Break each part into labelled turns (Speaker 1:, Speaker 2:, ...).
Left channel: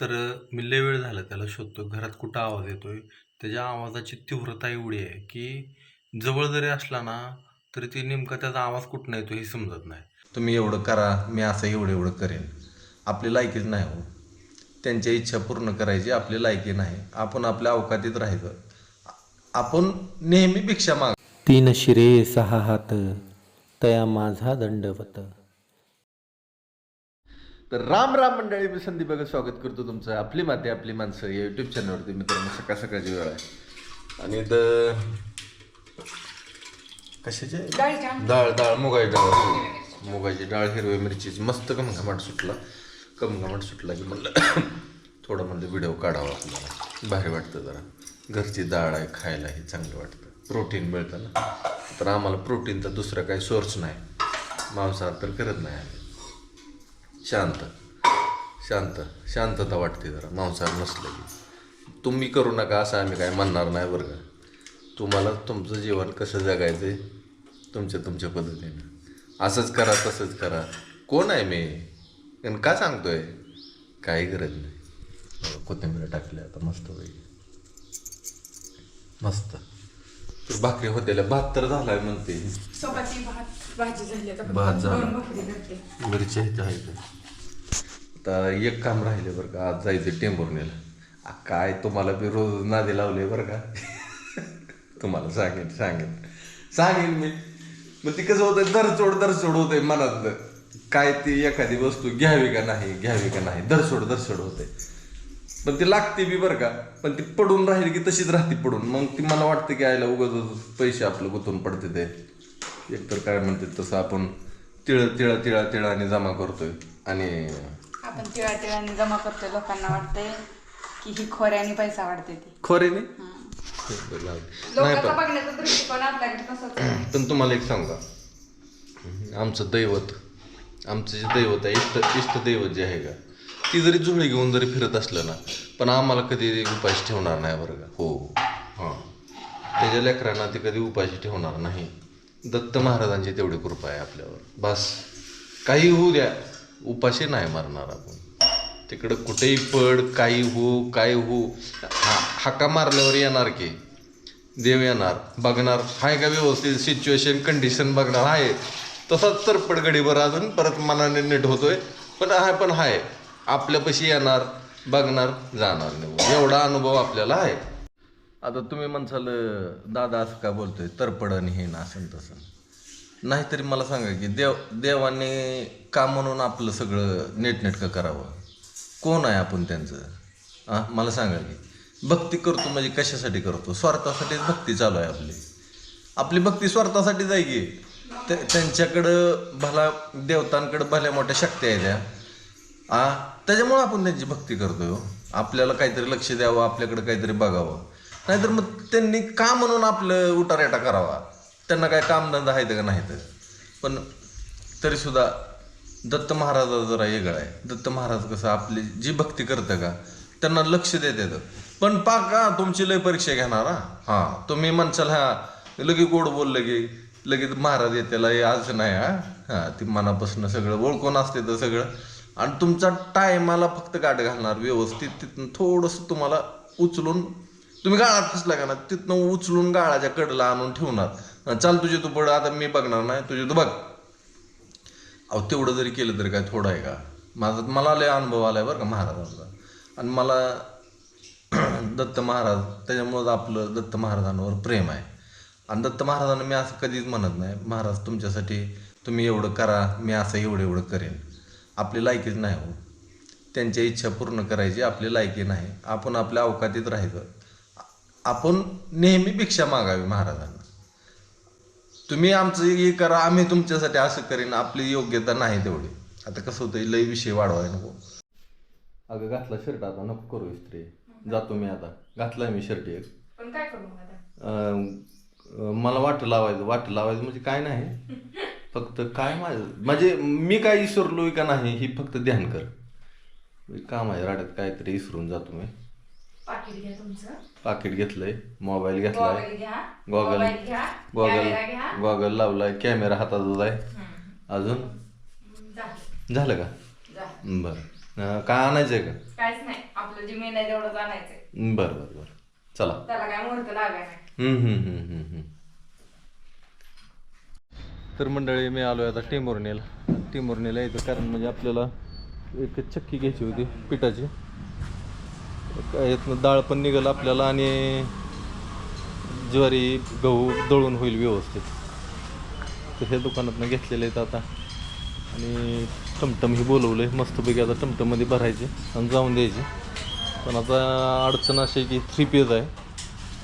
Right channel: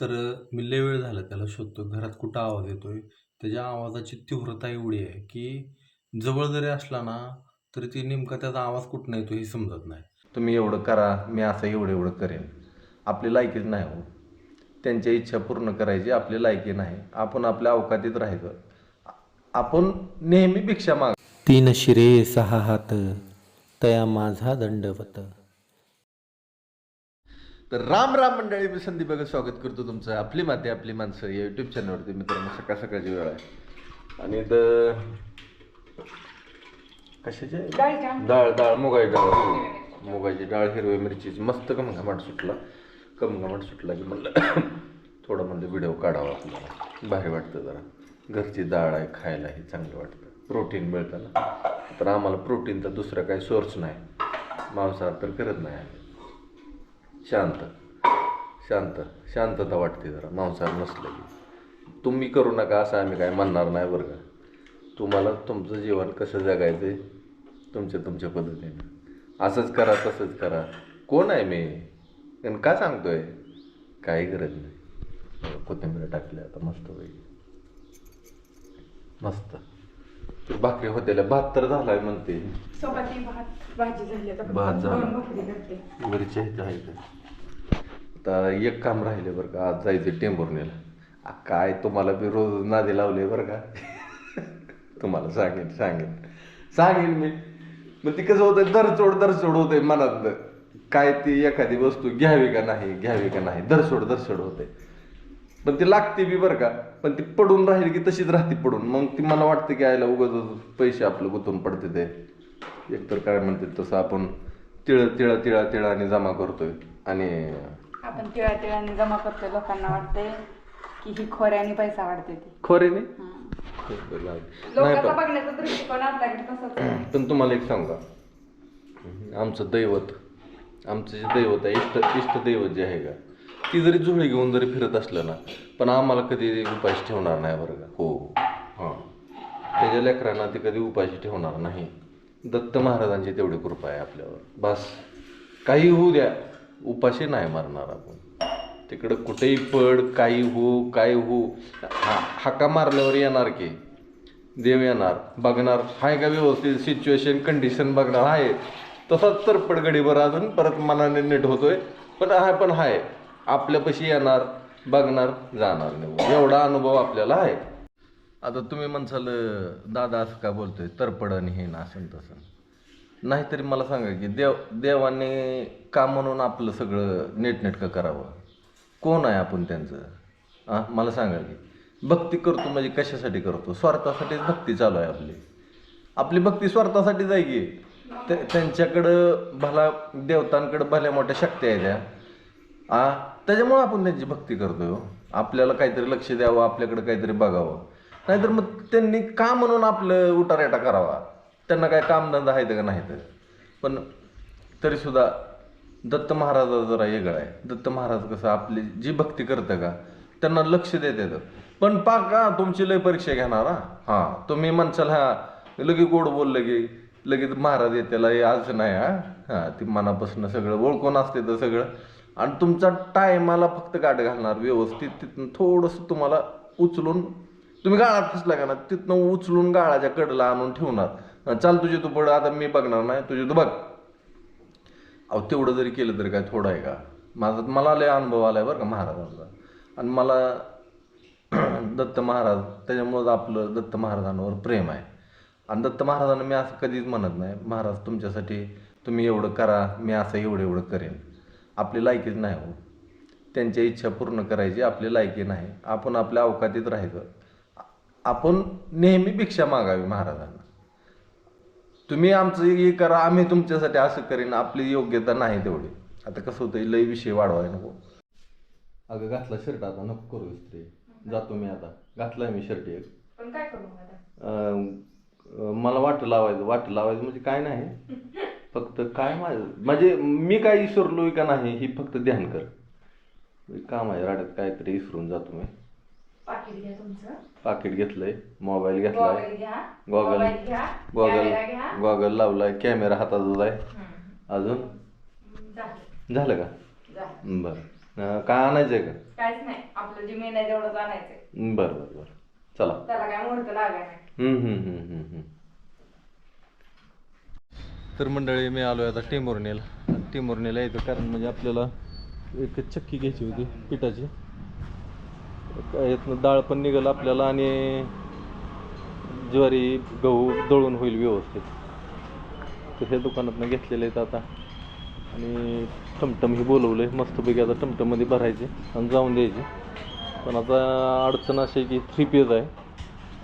Speaker 1: तर मी लय वेळ झाला त्याला शोधतो घरात कुठं आवाज येतोय? त्याच्या आवाजाची तीव्रता एवढी आहे की जवळ जरी असला ना तरी ती नेमका त्याचा आवाज कुठं येतो हे समजत नाही. तुम्ही एवढं करा मी असं एवढं एवढं करेन. आपली लायकीच नाही हो. त्यांच्या इच्छा पूर्ण करायची आपली लायकी नाही. आपण आपल्या अवकातीत राहायचं. आपण नेहमी भिक्षा माग
Speaker 2: तीन शिरे सहा हात तया माझा दंडवत.
Speaker 3: तर राम राम मंडळी मी संदीप बघा स्वागत करतो तुमचं आपली माती आपली माणसं या युट्यूब चॅनलवरती मित्रांनो सकाळ सकाळची वेळ आहे. आणि द कशाची? डाळ डाळ मुगाची डाळ. हो. मुगाची डाळ हिरव्या मिरचीची. मस्त कमघमाट सुटला. कमघमाट सुटला की म्हणलं थोडं म्हणजे व्हिडिओ काढावा आपल्याला. भारी वाटतं जरा. घरची डाळ आहे खायलाही चांगलं वाटतं. प्रोटीन मिळतं ना. तर आम्हाला प्रोटीनचा दुसरा काही सोर्स नाही. मांसाहार तर करत नाही आम्ही. शांत. शांत. शांतता वाटते जरा. मांसाहार नसलं की. तुम्ही करू नका असं आम्ही काय म्हणणार नाही बरं का. तुम्हाला तुमचं जीवन कसं जगायचं आहे तुमच्या तुमच्या पद्धतीनं. असंच करा तसंच करा. कोण आहे मी? आणि का सांगतोय? काही गरज नाही. कोथिंबीर टाकली आता मस्त पैकी. मस्त. भाकरी होत्याला भात तर झालाय म्हणते.
Speaker 4: भात झाली
Speaker 3: मिरच्या तर आता एक काम राहिले बरं का आज जायचं टेंभुर्णीला. काय तुम्हाला बी रोज नादी लावले बरं का? तुम्हाला सांगेन सांगेन. सांगेन मी. मग ती कसं होतं दरचोड दरचोड होते मनातलं. काय ती एखादी वस्तू घ्यावी का नाही घ्यावी का नाही दरसोड दरसोड होते पण ती लागते बी बरं का पण ती पडून राहील की तशीच राहते पडून. मग ती मला वाटतं की आयला उगाच पैसे आपलं गुतून पडते ते. एकतर काय म्हणते तसं आपण तिळ तिळा तिळा तिळाने जमा करतोय. आणि
Speaker 4: आपण तिळा तिळाने जमा करतोय लोकांना वाटतंय की ही खोऱ्याने पैसा वाढते ती.
Speaker 3: खोरेने नाही
Speaker 4: लोकांचा
Speaker 3: पण
Speaker 4: बघण्याचा दृष्टिकोन आपल्याकडे तसंच आहे.
Speaker 3: पण तुम्हाला एक सांगू. आमचं दैवत आमचं जे दैवत आहे इष्ट इष्ट दैवत जे आहे का ती जरी जुळी घेऊन जरी फिरत असलं ना पण आम्हाला कधी उपाशी ठेवणार नाही बरं का. हो हां. त्याच्या लेकरांना ती कधी उपाशी ठेवणार नाही. दत्त महाराजांची तेवढी कृपा आहे आपल्यावर. बस. काही होऊ द्या. उपाशी नाही मारणार आपण. तिकडं कुठेही पड काही हो काय हो. हा हाका मारल्यावर येणार की? देव येणार बघणार. हाय का व्यवस्थित? सिच्युएशन कंडिशन बघणार. आहे तसाच तर पडगडीवर अजून परत मनाने नीट होतोय. पण हाय पण हाय. आपल्यापाशी येणार बघणार जाणार नाही. एवढा अनुभव आपल्याला आहे. आता तुम्ही म्हणसाल दादा असं का बोलतोय? तरपडण हे ना असं तसं. नाहीतरी मला सांगा की देव देवाने का म्हणून आपलं सगळं नीटनेटकं करावं? कोण आहे आपण त्यांचं? हां मला सांगा की. भक्ती करतो म्हणजे कशासाठी करतो? स्वार्थासाठीच भक्ती चालू आहे आपली. आपली भक्ती स्वार्थासाठी जाय की. ते त्यांच्याकडं भला देवतांकडं भल्या मोठ्या शक्ती आहे त्या. आ त्याच्यामुळं आपण त्यांची भक्ती करतो हो. आपल्याला काहीतरी लक्ष द्यावं आपल्याकडं काहीतरी बघावं. नाहीतर मग त्यांनी का म्हणून आपलं उटारेटा करावा? त्यांना काय कामधंदा आहे का नाही तर पण तरीसुद्धा दत्त महाराजा जरा वेगळा आहे. दत्त महाराज कसं आपली जी भक्ती करतं का त्यांना लक्ष देतात पण पाका का तुमची लय परीक्षा घेणार हां? तुम्ही म्हणसाल हा लगे गोड बोललं की लगेच महाराज येत्याला हे आज नाही हा? हां ती मनापासून सगळं ओळखून असते तर सगळं. आणि तुमचा टायमाला फक्त गाठ घालणार व्यवस्थित तिथून थोडंसं तुम्हाला उचलून तुम्ही गाळात फसला का ना? तिथनं उचलून गाळाच्या कडला आणून ठेवणार. चाल तुझे तू पड आता मी बघणार नाही तुझे तू बघ. अहो तेवढं जरी केलं तरी काय थोडं आहे का? माझा मला लय अनुभव आलाय बरं का महाराजांचा. आणि मला दत्त महाराज त्याच्यामुळंच आपलं दत्त महाराजांवर प्रेम आहे. आणि दत्त महाराजांना मी असं कधीच म्हणत नाही महाराज तुमच्यासाठी तुम्ही एवढं करा मी असं एवढं एवढं करेन. आपली लायकीच नाही हो. त्यांच्या इच्छा पूर्ण करायची आपली लायकी नाही. आपण आपल्या अवकातीत राहायचं. आपण नेहमी भिक्षा मागावी महाराजांना. तुम्ही आमचं हे करा आम्ही तुमच्यासाठी असं करीन आपली योग्यता नाही तेवढी. आता कसं होतं लय विषय वाढवाय नको. अगं घातला शर्ट आता नको करू इस्त्री. जातो मी आता. घातलाय मी शर्ट एक.
Speaker 4: पण काय करू आता?
Speaker 3: अं, अं, मला वाट लावायचं. वाट लावायचं म्हणजे काय नाही. फक्त काय माझं म्हणजे मी काय विसरलोय का नाही ही फक्त ध्यान कर. काम आहे राड्यात काहीतरी विसरून जातो मी.
Speaker 4: पाकिट घ्या तुमचं.
Speaker 3: पाकिट घेतलंय मोबाईल घेतलाय.
Speaker 4: गॉगल
Speaker 3: गॉगल गॉगल लावलाय कॅमेरा हातात आहे. अजून?
Speaker 4: झालं.
Speaker 3: का? बरं. काय आणायचंय का?
Speaker 4: काहीच नाही. आपलं जे मेन आहे तेवढंच आणायचंय.
Speaker 3: बरं बरं बरं. चला.
Speaker 4: त्याला काय मुहूर्त लागाय
Speaker 3: हम्म, हम्म, हम्म, हम्म, हम्म. तर मंडळी मी आलो आता टेंभुर्णीला टेंभुर्णीला यायचं कारण म्हणजे आपल्याला एक चक्की घ्यायची होती पिठाची. यातनं डाळ पण निघेल आपल्याला आणि ज्वारी गहू दळून होईल व्यवस्थित. तर हे दुकानातनं घेतलेले आहेत आता. आणि टमटम ही बोलवलं आहे मस्तपैकी आता टमटममध्ये भरायचे आणि जाऊन द्यायचे. पण आता अडचण अशी आहे की थ्री पेज आहे.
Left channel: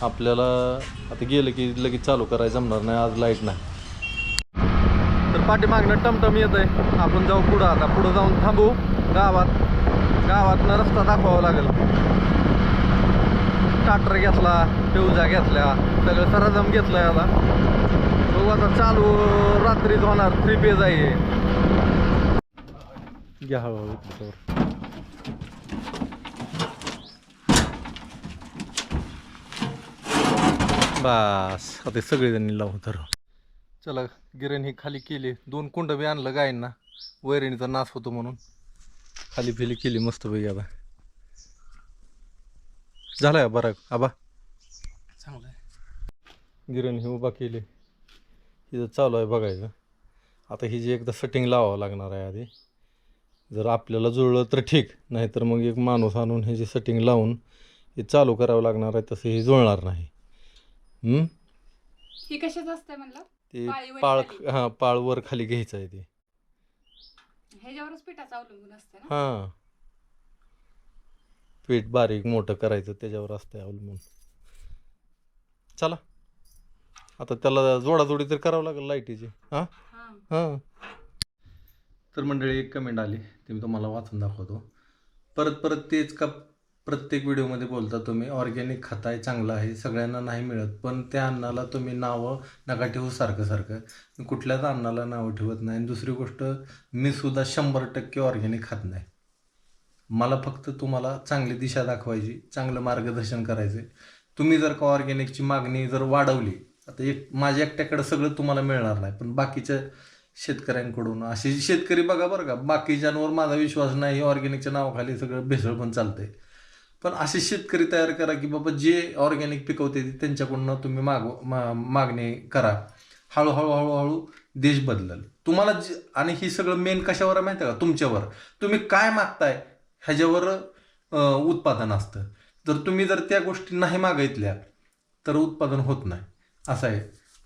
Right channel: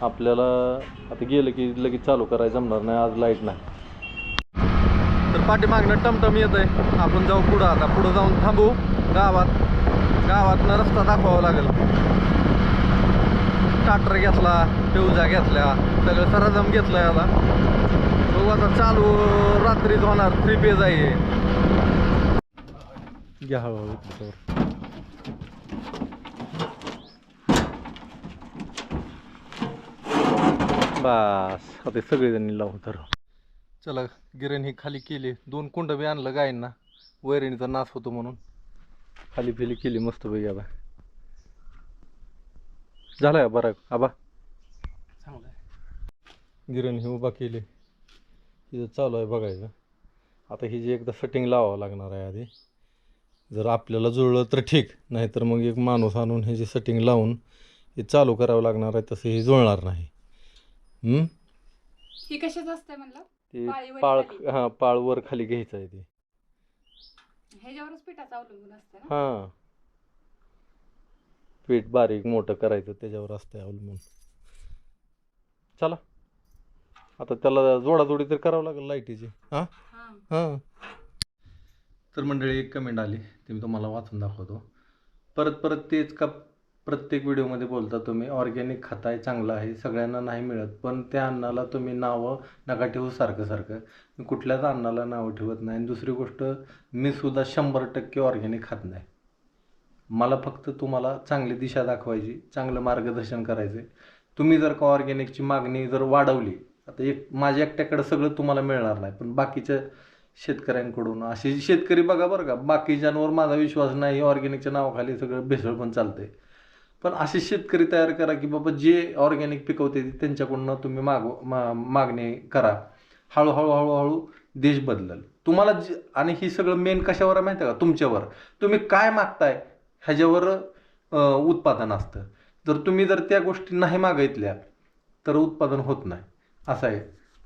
Speaker 3: आपल्याला आता गेलं की लगेच चालू करायचं जमणार नाही. आज लाइट नाही. तर पाठीमागणं टमटम येत आहे आपण जाऊ पुढं आता. पुढं जाऊन थांबू. गावात. गावातनं रस्ता दाखवावा लागेल. ट्रॅक्टर घेतला ट्यूजा घेतल्या सगळं सरजम घेतला आता. बघू आता चालू रात्रीच होणार थ्री पेज आहे घ्या हळूहळू त्याच्यावर बस आता सगळेजणी लावून तर चला गिरण ही खाली केली. दोन कुंड बी आणलं गायींना. वैरणीचा नाश होतो म्हणून. खाली फिली केली मस्त पैकी आता. झालं का बरं आबा. गिरण ही उभा केली. इथं चालू आहे बघायचं. आता ही जी एकदा सेटिंग लावावं लागणार आहे आधी. जर आपल्याला जुळलं तर ठीक नाहीतर मग एक माणूस आणून हे जे सेटिंग लावून हे चालू करावं लागणार आहे तसं हे जुळणार नाही. हम्म?
Speaker 4: ही कशाच असते म्हणलं?
Speaker 3: ते
Speaker 4: पाळीवर
Speaker 3: पाळ
Speaker 4: खाली.
Speaker 3: हां पाळ वर खाली घ्यायचं आहे ते.
Speaker 4: ह्याच्यावरच पिठाचं अवलंबून असतं ना?
Speaker 3: हां. पीठ बारीक मोठं करायचं त्याच्यावर असतं अवलंबून. चला. आता त्याला जोडाजोडी तर करावं लागेल लाईटीची. हां?
Speaker 4: हा.
Speaker 3: हां. तर मंडळी एक कमेंट आली. ती मी तुम्हाला वाचून दाखवतो. परत परत तेच का प्रत्येक व्हिडिओमध्ये बोलता तुम्ही ऑर्गॅनिक खाताय चांगलं आहे सगळ्यांना नाही मिळत पण त्या अन्नाला तुम्ही नावं नका ठेवू सारखं सारखं. मी कुठल्याच अन्नाला नावं ठेवत नाही. आणि दुसरी गोष्ट मी सुद्धा शंभर टक्के ऑर्गॅनिक खात नाही. मला फक्त तुम्हाला चांगली दिशा दाखवायची चांगलं मार्गदर्शन करायचं आहे तुम्ही जर का ऑर्गॅनिकची मागणी जर वाढवली आता एक माझ्या एकट्याकडं सगळं तुम्हाला मिळणार नाही पण बाकीच्या शेतकऱ्यांकडून असे शेतकरी बघा बरं का बाकीच्यांवर माझा विश्वास नाही ऑर्गॅनिकच्या नावाखाली सगळं भेसळ पण चालतं आहे पण असे शेतकरी तयार करा की बाबा जे ऑर्गॅनिक पिकवते त्यांच्याकडून तुम्ही मागव मा मागणी करा. हळूहळू हळूहळू देश बदलल. तुम्हाला जे आणि ही सगळं मेन कशावर आहे माहिती आहे का? तुमच्यावर. तुम्ही काय मागताय ह्याच्यावर उत्पादन असतं. जर तुम्ही जर त्या गोष्टी नाही मागितल्या तर उत्पादन होत नाही. असं आहे.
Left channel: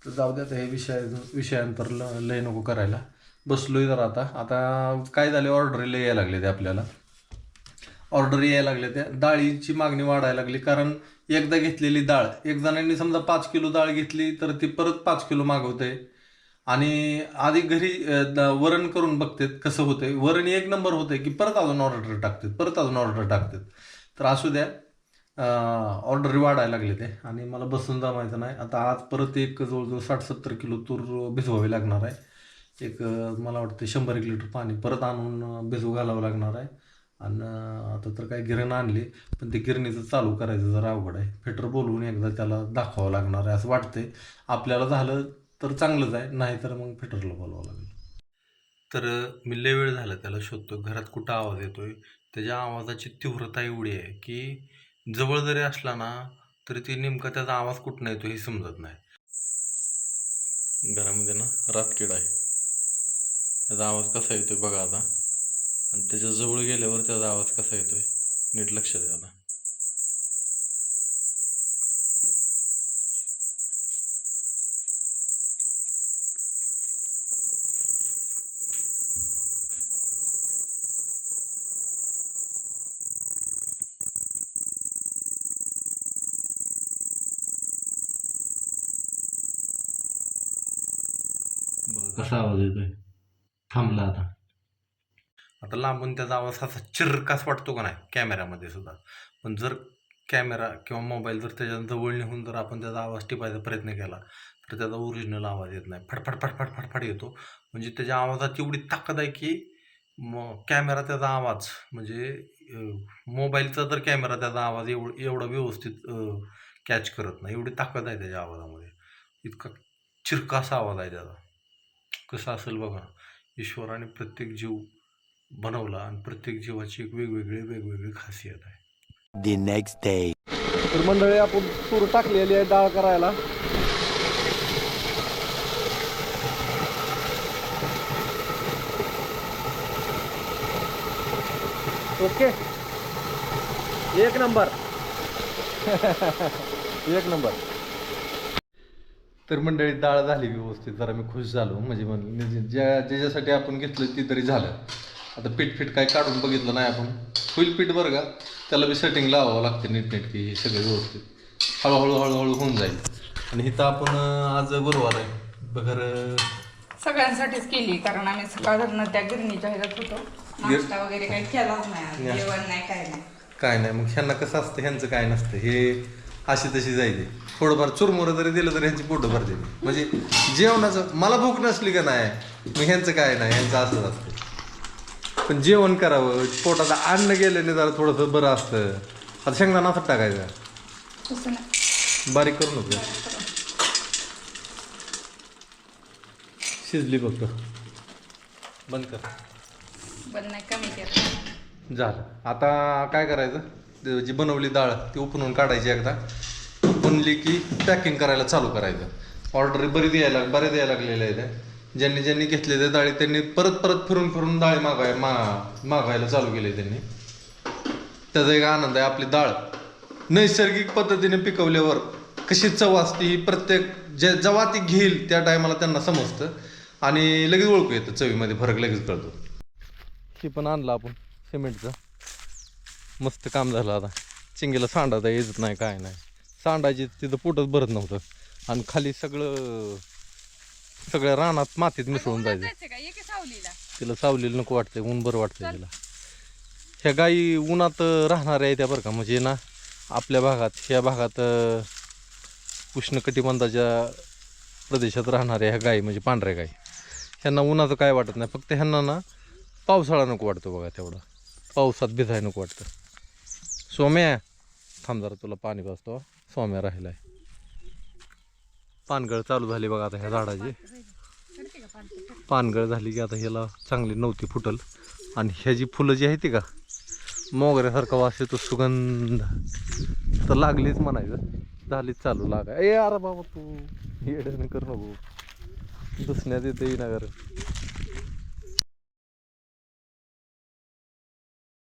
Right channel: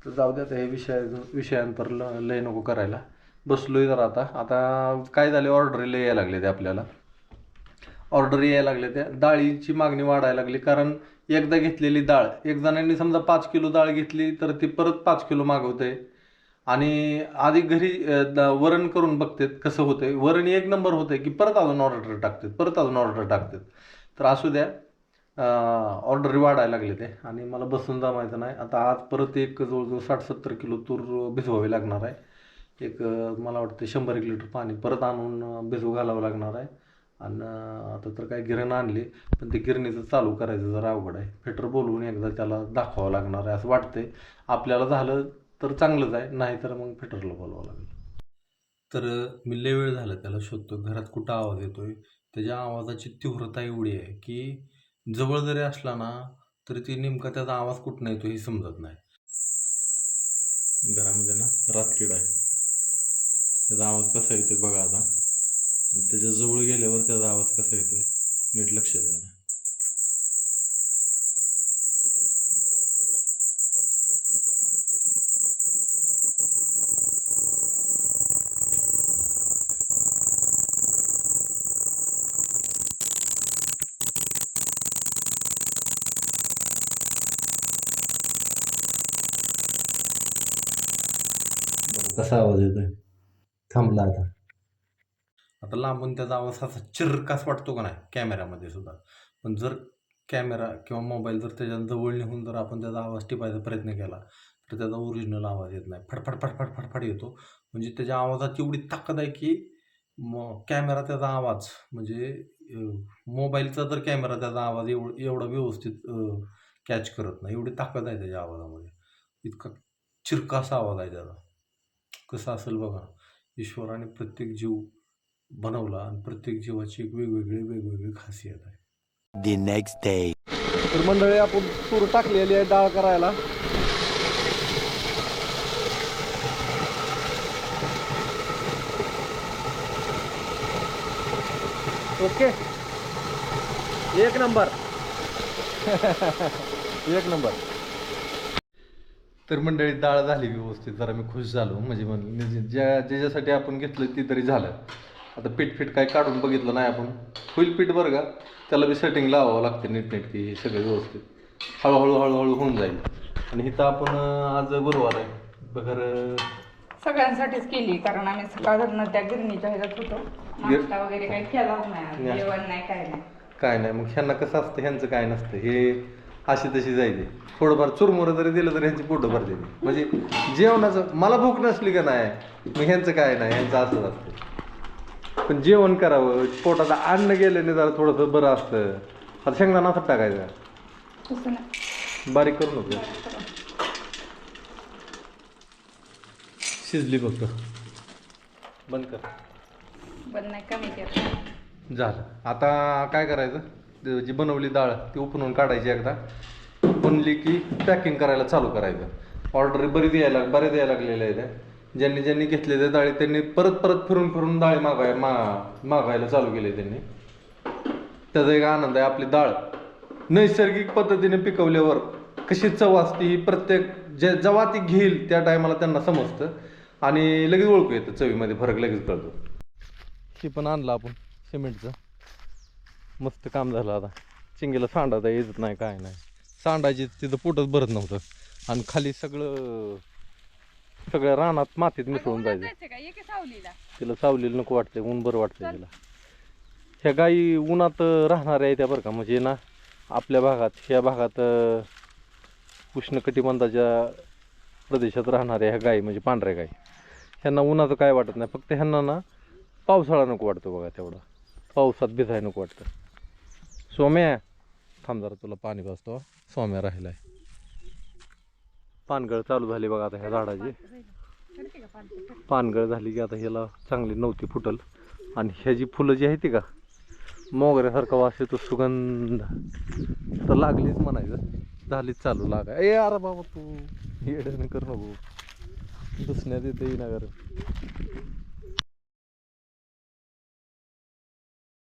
Speaker 3: तर जाऊ द्या आता हे विषय विषयांतर ल लय नको करायला. बसलोय जर आता. आता काय झाले ऑर्डर लय यायला लागले ते आपल्याला. ऑर्डर यायला लागले त्या डाळीची मागणी वाढायला लागली. कारण एकदा घेतलेली डाळ एक जणांनी समजा पाच किलो डाळ घेतली तर ती परत पाच किलो मागवते. आणि आधी घरी द- वरण करून बघतात कसं होतंय. वरण एक नंबर होतंय की परत अजून ऑर्डर टाकतात परत अजून ऑर्डर टाकतात. तर असू द्या ऑर्डर वाढायला लागले ते. आणि मला बसून जमायचं नाही. आता आज परत एक जवळजवळ साठ सत्तर किलो तूर भिजवावी लागणार आहे. एक मला वाटतं शंभर एक लिटर पाणी परत आणून भिजू भिजवू घालावं लागणार आहे. आणि आता तर काय गिरण आणली पण ते गिरणीचं चालू करायचं जरा अवघड आहे. फिटर बोलवून एकदा त्याला दाखवावं लागणार आहे असं वाटतंय. आपल्याला झालं तर चांगलंच आहे नाही तर मग फिटरला बोलावं लागेल.
Speaker 1: तर मी लय वेळ झाला त्याला शोधतो घरात कुठं आवाज येतोय? त्याच्या आवाजाची तीव्रता एवढी आहे की जवळ जरी असला ना तरी ती नेमका त्याचा आवाज कुठनं येतो हे समजत नाही.
Speaker 3: घरामध्ये ना रातकीड आहे. त्याचा आवाज कसा येतोय बघा आता. आणि त्याच्याजवळ गेल्यावर त्याचा आवाज कसा येतोय? नीट लक्ष द्या आता
Speaker 1: कसा आवाज येतोय? थांबला आता. आता लांबून त्याचा आवाज असा चिरकास वाटतो का नाही? कॅमेऱ्यामध्ये सुद्धा. पण जर कॅमेरा किंवा मोबाईल जर त्याच्याजवळ नेऊन जर आपण त्याचा आवाज टिपायचा प्रयत्न केला तर त्याचा ओरिजिनल आवाज येत नाही. फटफट फटफट फटफट येतो. म्हणजे त्याच्या आवाजात एवढी ताकद आहे की मग कॅमेरा त्याचा आवाज म्हणजे मोबाईलचा तर कॅमेरा त्याचा आवाज एवढ एवढा व्यवस्थित कॅच करत नाही. एवढी ताकद आहे त्याच्या आवाजामध्ये. इतका चिरकासा आवाज आहे त्याचा. कसं असेल बघा ईश्वराने प्रत्येक जीव बनवला आणि प्रत्येक जीवाची एक वेगवेगळी वेगवेगळी खासियत आहे.
Speaker 2: The next day.
Speaker 3: तर मंडळी आपण तूर टाकलेली आहे डाळ करायला. ओके. एक नंबर. एक नंबर. तर मंडळी डाळ झाली व्यवस्थित. जरा मी खुश झालो. म्हणजे म्हणलं ज्या ज्याच्यासाठी आपण घेतलं ती तरी झालं. आता पीठ पीठ काय काढून बघितलं नाही आपण. होईल पीठ बरं का? त्याला बी सेटिंग लावावं लागते नीटनेटकी हे सगळं व्यवस्थित. हळूहळू हळूहळू होऊन जाईल. आणि इथं आपण आज गुरुवार आहे. बगर
Speaker 4: सगळ्यांसाठीच केली कारण आम्ही सकाळधरनं त्या गिरणीच्या ह्याच्यात होतो. नाश्ता वगैरे काही केलाच नाही आज. जेवण नाही काय नाही.
Speaker 3: काय नाही मग ह्यांना कसं असतं ह्यांचं काय नसतं. हे अशी तशी जायचे. थोडंफार चुरमुरं जरी दिलं तर ह्यांची पोटं भरते म्हणजे जेवणाचं मला भूक नसली का नाही? मग ह्यांचं काय नाही? ह्यांचं असंच असतं. पण जेवण करावं पोटात अन्न गेल्याने जरा थोडंसं बरं असतं. आता शेंगदाणा असं टाकायचं.
Speaker 4: तसं नाही.
Speaker 3: बारीक करू नको शिजली फक्त. बंद कर.
Speaker 4: पण नाही कमी केलं
Speaker 3: झालं. आता काय करायचं? ते जी बनवली डाळ ती उपणून काढायची एकदा. उपणली की पॅकिंग करायला चालू करायचं. ऑर्डर बरीच यायला बऱ्याच यायला लागलेल्या आहेत. ज्यांनी ज्यांनी घेतले ते डाळी त्यांनी परत परत फिरून फिरून डाळी मागाय मा मागायला चालू केले त्यांनी. त्याचा एक आनंद आहे आपली डाळ नैसर्गिक पद्धतीने पिकवल्यावर कशी चव असते ही प्रत्येक जे जेव्हा ती घेईल त्या टायमाला त्यांना समजतं. आणि लगेच ओळखू येतं चवीमध्ये फरक लगेच कळतो. हे पण आणलं आपण सिमेंटचं. मस्त काम झालं आता. चिंगीला तर येत नाही काय नाही. सांडायची तिथं पोटच भरत नव्हतं. आणि खाली सगळं सगळ्या रानात मातीत मिसळून जायचं.
Speaker 4: का? एक सावलीला.
Speaker 3: तिला सावलेलं नको वाटतंय ऊन बरं वाटतंय तिला. ह्या गायी उन्हात राहणाऱ्या आहेत त्या बरं का म्हणजे ना आपल्या भागात ह्या भागात अं, उष्णकटिबंधाच्या प्रदेशात राहणाऱ्या ह्या गायी म्हणजे पांढऱ्या गायी ह्यांना उन्हाचं काय वाटत नाही. फक्त ह्यांना ना पावसाळा नको वाटतो बघा तेवढा. पावसात भिजाय नको वाटतं. सोम्या थांब जरा तुला पाणी पाजतो सोम्या राहिलाय. पानगळ चालू झाली बघा आता ह्या झाडाची. पानगळ झाली की आता ह्याला चांगली नव्हती फुटल. आणि ह्याची फुलं जी आहे ती का मोगऱ्यासारखा वास येतो सुगंध. तर लागलीच म्हणायचं. झालीच चालू लागा ए अरे बाबा तू. येड्याने कर नको दुसण्यात येते ना